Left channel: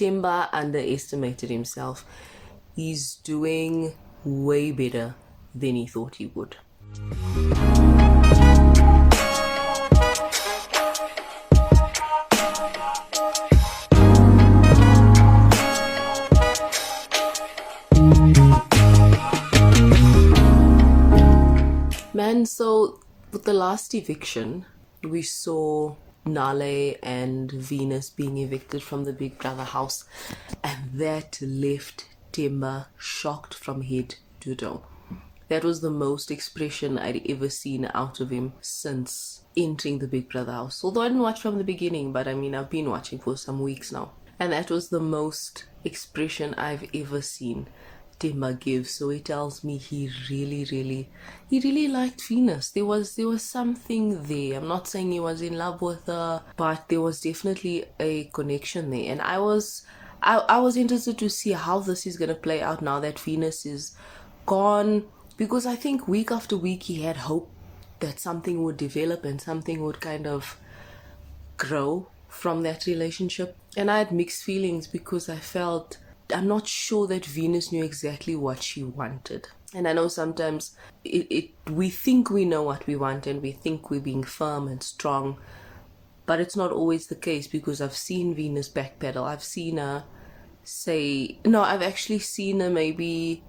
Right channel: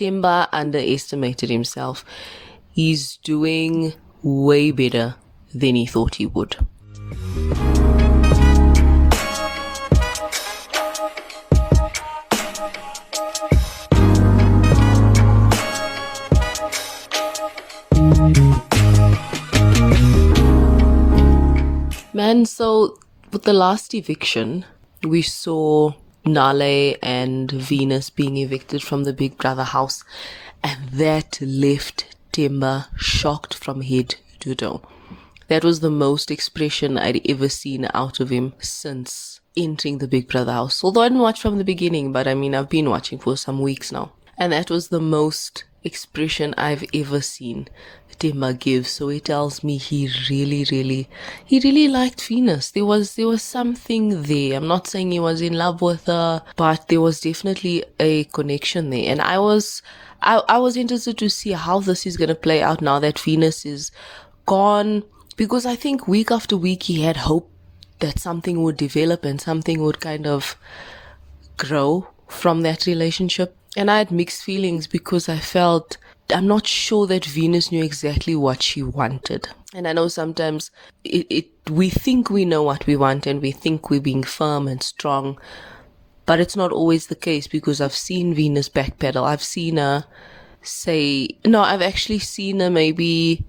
Themba underestimated himself. He's doing way better than he thought he would. Man, so with the last eviction, we saw Nale and Venus being evicted from the Big Brother house, and that left Themba shocked from head to toe. That was the most expression I'd ever seen out of him since entering the Big Brother house. Although I didn't watch from the beginning, but I mean, I've been watching for some weeks now. And that was the most expression I've ever seen Themba give. So it tells me he really liked Venus. There was something there. I'm not saying he was in love with her, but there was definitely a connection there. And I was interested to see how this is going to play out now that Venus is gone, because I think week after week he had hope that something would develop and something would kind of grow from that relationship. And I had mixed feelings because I'm not sure that Venus knew exactly what she wanted. And I know sometimes we think we know what we want and we think we're being firm and strong, but it's not always the case, because I've seen Venus backpedal. I've seen her I've actually seen her maybe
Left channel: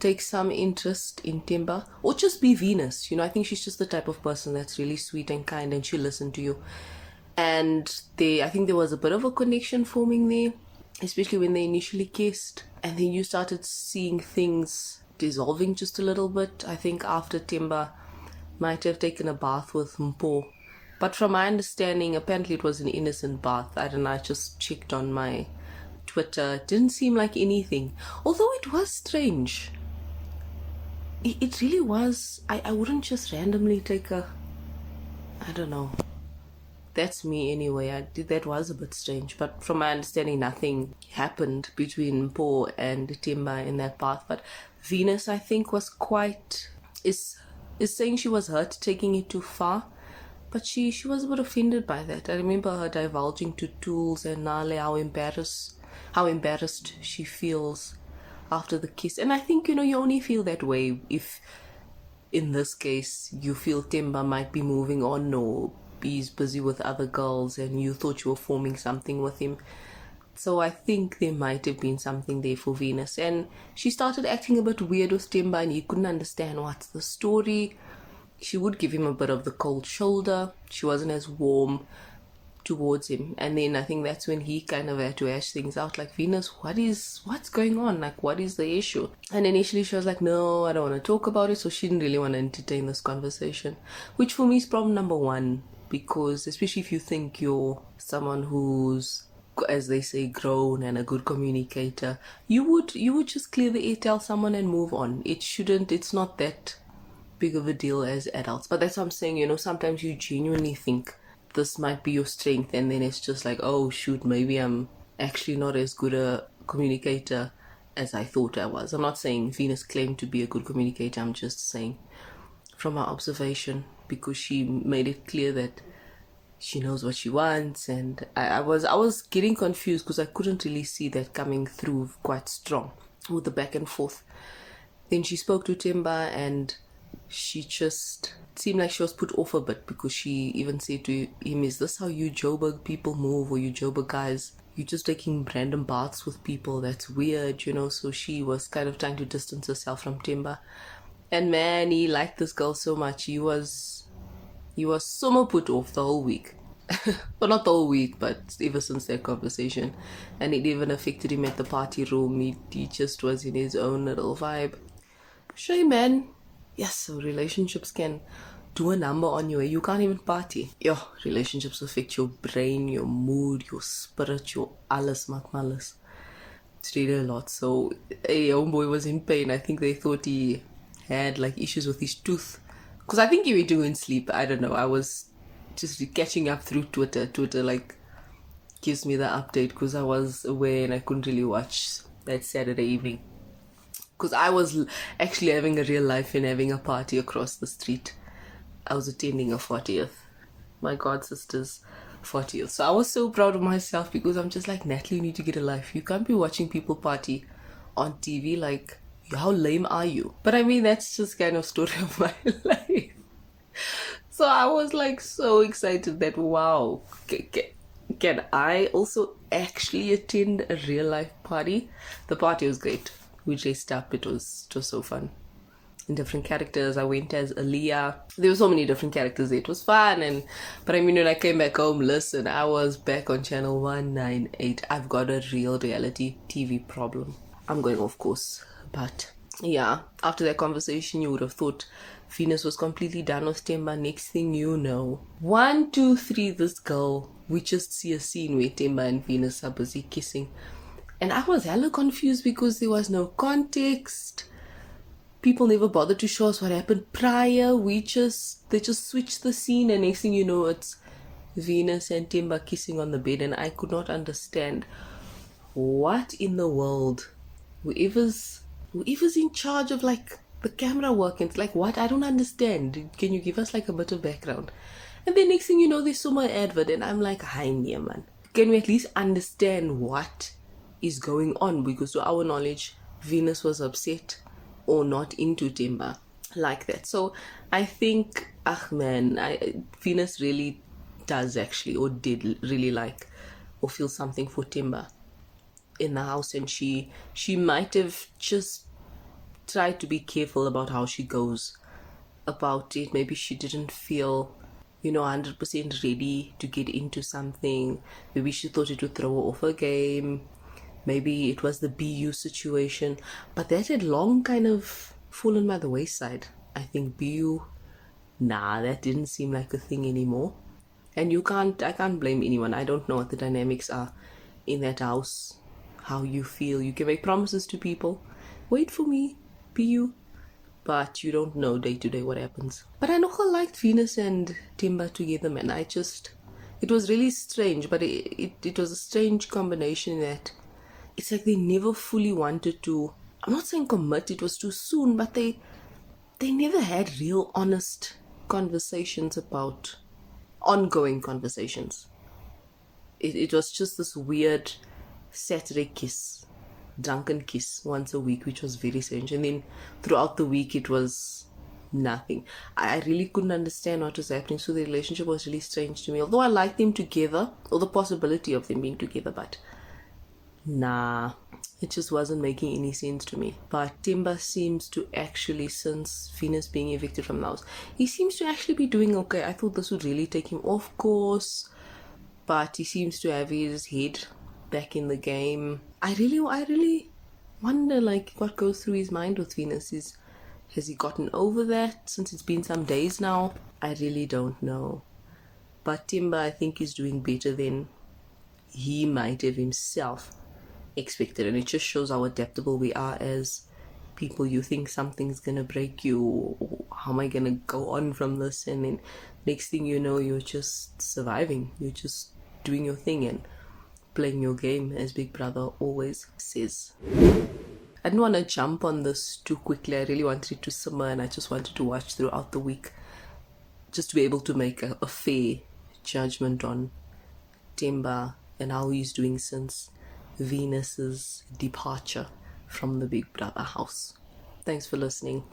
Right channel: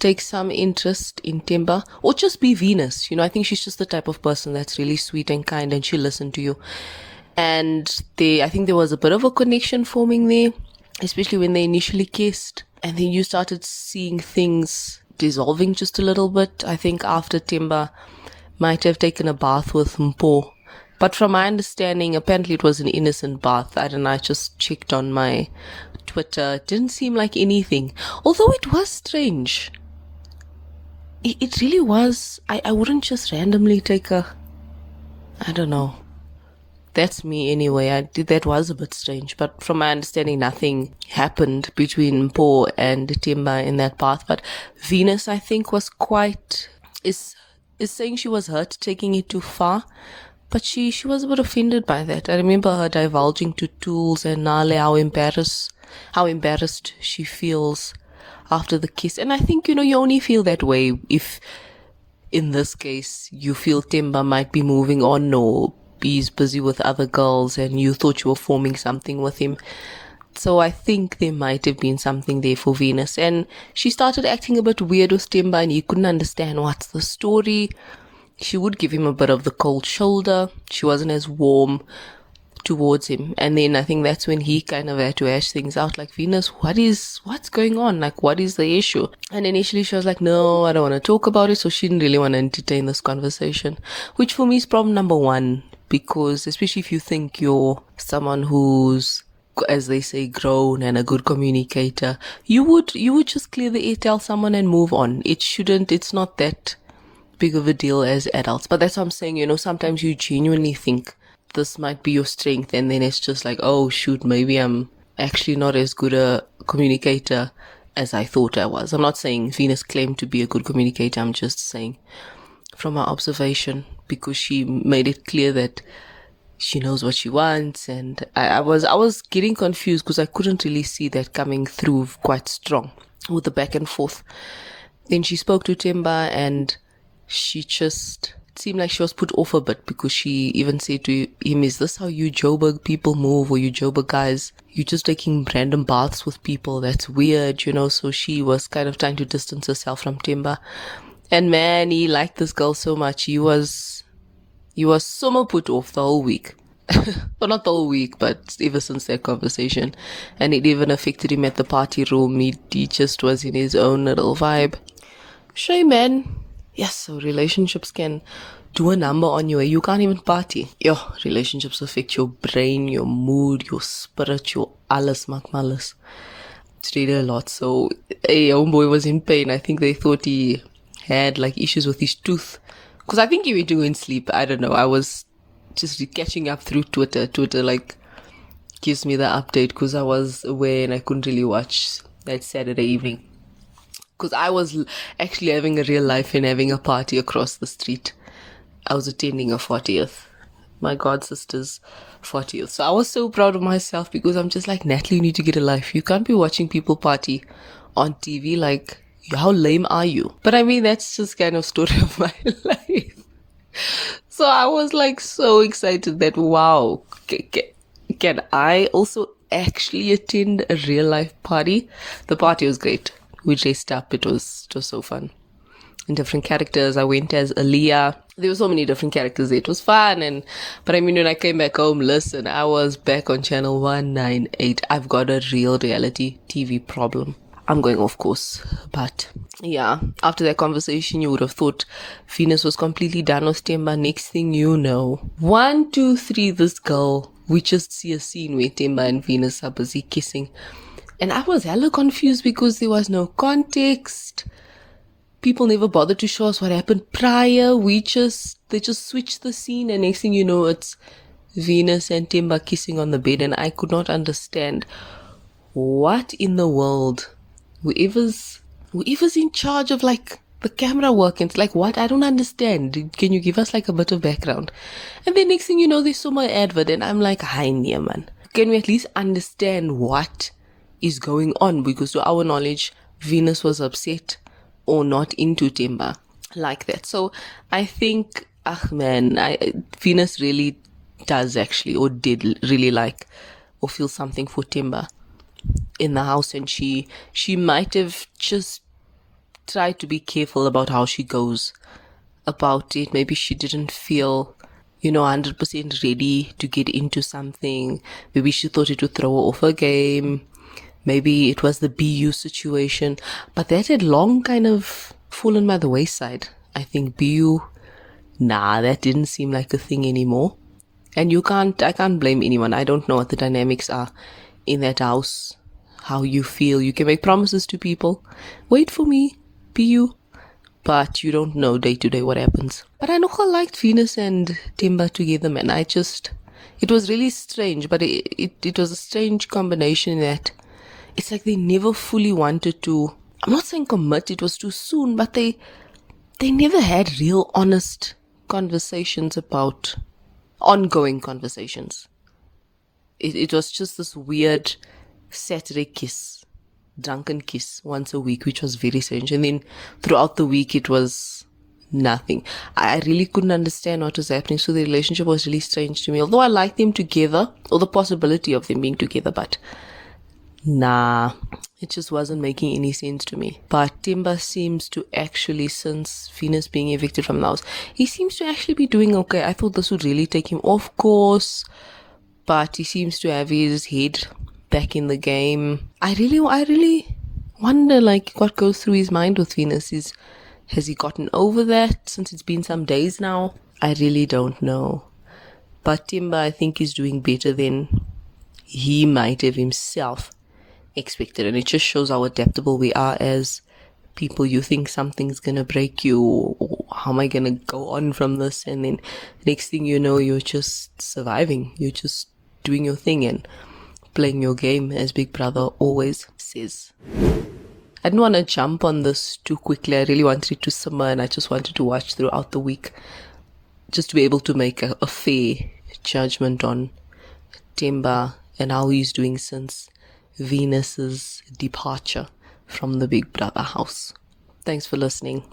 take some interest in Themba, or just be Venus. I think she's just the type of person that's really sweet and kind, and she'll listen to you. And I think there was a bit of a connection forming there, especially when they initially kissed, and then you started seeing things dissolving just a little bit. I think after Themba might have taken a bath with Mpo, but from my understanding, apparently it was an innocent bath. I don't know, I just checked on my Twitter. It didn't seem like anything, although it was strange. It really was. I wouldn't just randomly take I don't know. That's me anyway. That was a bit strange, but from my understanding, nothing happened between Mpo and Themba in that bath. But Venus, I think, was is saying she was hurt taking it too far, but she was a bit offended by that. I remember her divulging to Tools and Nale how embarrassed she feels after the kiss. And I think, you only feel that way if, in this case, you feel Themba might be moving on, or he's busy with other girls and you thought you were forming something with him. So I think there might have been something there for Venus. And she started acting a bit weird with Themba, and he couldn't understand what's the story. She would give him a bit of the cold shoulder. She wasn't as warm towards him. And then I think that's when he kind of had to hash things out, like, Venus, what's going on? Like, what is the issue? And initially she was like, no, I don't want to talk about it. So she didn't really want to entertain this conversation, which for me is problem number one, because especially if you think you're someone who's, as they say, grown and a good communicator, you would just clear the air, tell someone and move on. It's not that big of a deal as adults. But that's what I'm saying, sometimes you genuinely think this might be your strength, and then it's just like, oh shoot, maybe I'm actually not as good a communicator as I thought I was. I'm not saying Venus claimed to be a good communicator, I'm just saying from my observation, because she made it clear that she knows what she wants. And I was getting confused because I couldn't really see that coming through quite strong with the back and forth. Then she spoke to Themba, and she just seemed like she was put off a bit, because she even said to him, is this how you Joburg people move, or you Joburg guys? You're just taking random baths with people. That's weird, So she was kind of trying to distance herself from Themba. And man, he liked this girl so much. He was so put off the whole week. Well, not the whole week, but ever since that conversation. And it even affected him at the party room. He just was in his own little vibe. Sure, man. Yes, so relationships can do a number on you. You can't even party. Relationships affect your brain, your mood, your spirit, your alles makmalas. It's really a lot. So a homeboy was in pain. I think they thought he had like issues with his tooth, because I think he went to go and sleep. I don't know. I was just catching up through Twitter. Twitter like gives me the update, because I was away and I couldn't really watch that Saturday evening, because I was actually having a real life and having a party across the street. I was attending a 40th. My god sister's 40th. So I was so proud of myself because I'm just like, Natalie, you need to get a life. You can't be watching people party on TV. Like, how lame are you? But I mean, that's just kind of story of my life. So I was like so excited that, wow, can I also actually attend a real life party? The party was great. We dressed up. It was so fun. And different characters. I went as Aaliyah. There were so many different characters there. It was fun. But I mean, when I came back home, listen, I was back on channel 198. I've got a real reality TV problem. I'm going off course. But yeah, after that conversation, you would have thought Venus was completely done with Themba. Next thing you know, 1, 2, 3, this girl, we just see a scene where Themba and Venus are busy kissing. And I was hella confused because there was no context. People never bothered to show us what happened prior. They just switched the scene, and next thing you know, it's Venus and Themba kissing on the bed, and I could not understand what in the world. Whoever's in charge of like the camera work, and it's like, what? I don't understand. Can you give us like a bit of background? And then next thing you know, they saw my advert, and I'm like, hi, man. Can we at least understand what is going on? Because to our knowledge, Venus was upset or not into Themba like that. So I think, Venus really does actually, or did really like or feel something for Themba in the house, and she might have just tried to be careful about how she goes about it. Maybe she didn't feel 100% ready to get into something. Maybe she thought it would throw her off her game. Maybe it was the BU situation, but that had long kind of fallen by the wayside. I think BU, that didn't seem like a thing anymore. And I can't blame anyone. I don't know what the dynamics are in that house, how you feel. You can make promises to people. Wait for me, BU. But you don't know day to day what happens. But I know I liked Venus and Themba together, man. It was really strange, but it was a strange combination that it's like they never fully wanted to, I'm not saying commit, it was too soon, but they never had real honest conversations about ongoing conversations. It was just this weird Saturday kiss, drunken kiss once a week, which was very strange. And then throughout the week, it was nothing. I really couldn't understand what was happening. So the relationship was really strange to me. Although I liked them together, or the possibility of them being together, but it just wasn't making any sense to me. But Themba seems to actually, since Venus being evicted from the house, he seems to actually be doing okay. I thought this would really take him off course, but he seems to have his head back in the game. I really wonder, like, what goes through his mind with Venus. Has he gotten over that since it's been some days now? I really don't know. But Themba, I think, is doing better than he might have himself expected, and it just shows how adaptable we are as people. You think something's gonna break you, or how am I gonna go on from this, and then next thing you know, you're just surviving, you're just doing your thing and playing your game, as Big Brother always says. I didn't want to jump on this too quickly. I really wanted it to simmer, and I just wanted to watch throughout the week just to be able to make a fair judgment on Themba and how he's doing since Venus's departure from the Big Brother house. Thanks for listening.